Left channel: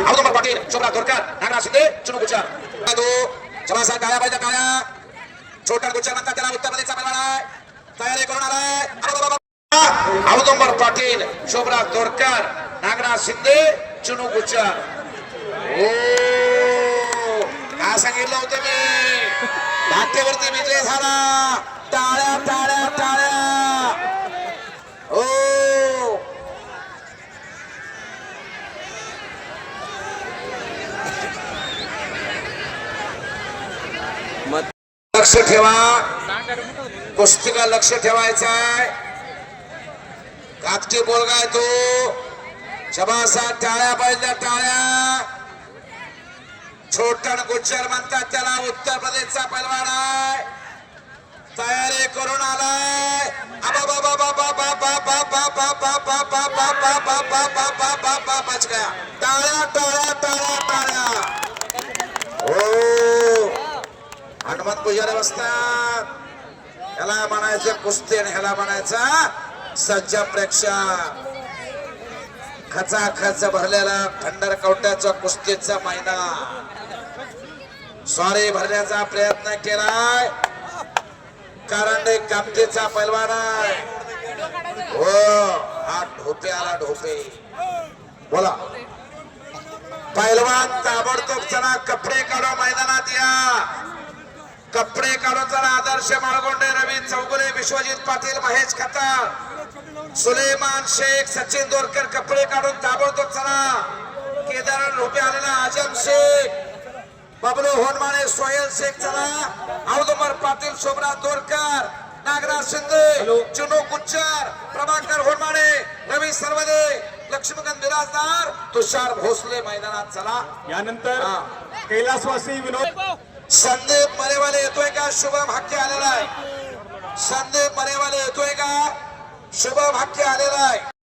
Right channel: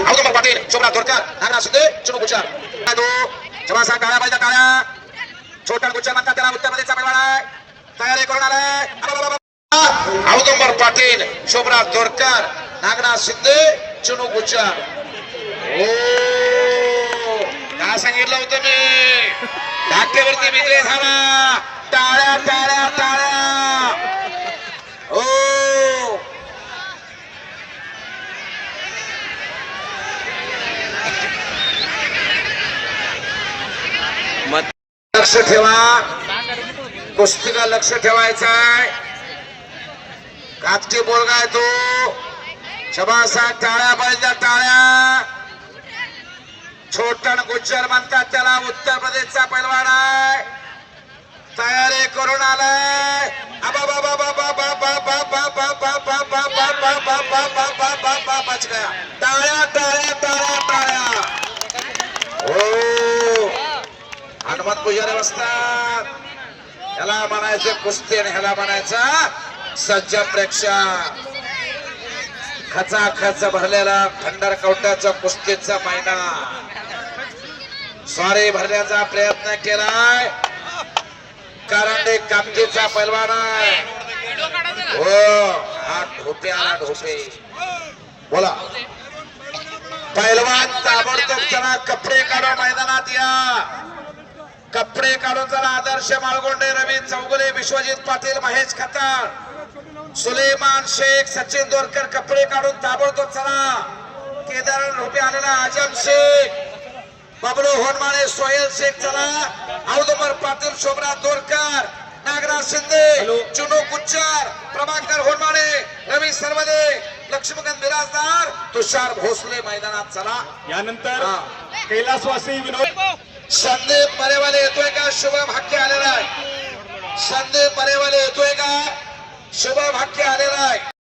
अवधूत पाटील शोभराज धोरकर नागराज शिंदे चुनू गुच्चर तो जवासा टाळ्या पाहिजे टाळ्या छोटा गुच्चर म्हणतात त्याला उत्तर प्रदेशचा पैलवान आहे तयारी करून आलाय अवधूत पाटील शोभराज धोरकर नागराज शिंदे चुनू गुच्चर ओ काय सांगितलं होतं मी धाक्यावरती विजय झाला टाळ्या टाळ्या टाळ्या ओ लक्ष ठेवा कुस्तीला लक्ष ठेवायचं आहे कागची बोलगा आहे तो शबासा टाळ्या पाहिजे टाळ्या छोटन गुज्जर म्हणतात त्याला उत्तर प्रदेशचा पैलवान आहे तयारी करून आलाय टाळ्या टाळ्या टाळ्या टाळ्या हो हनुमंत पुजारी बसतात ह्याला म्हणायचं कुस्ती आणि ह्याला म्हणायचा सज्ज प्रेक्षक खच भरलेला खंडर कवट्याचा कुस्तीचा महिना स्वारी भरण्याचा प्रयत्न केलाय कारण एक कामतीचा पैलवान आहे हो हा ढोपे आला ढोपे बोला पैलवान ताबडतोब चला कपडे काढा मैदानात या कपडे काढून चला आदर्श माळगोंडे रवी चौगुले विश्वजित पाटील महेश खताळ सुलेमान शेख सचिन दोरकर कपडे काढून ताबडतोब चला केदार ढोपे आलेला आजम शेख बबलू होनमाळे सोहेल शेख चला अवधूत पाटील शोभराज दोरकर नागराज शिंदे चुनू गुच्चर प्रभाकर होनमाळे रवी सर्वदे लक्ष्मीकांत बिराजदार तुषार भोसले मैदानात चला यानंतर कैलासवासी विनोद संदीप मरेवाले येतोय का शुभम हक्के आलेला आहे संदीप मरेवाले येतोय का शुभम हक्के आलेला आहे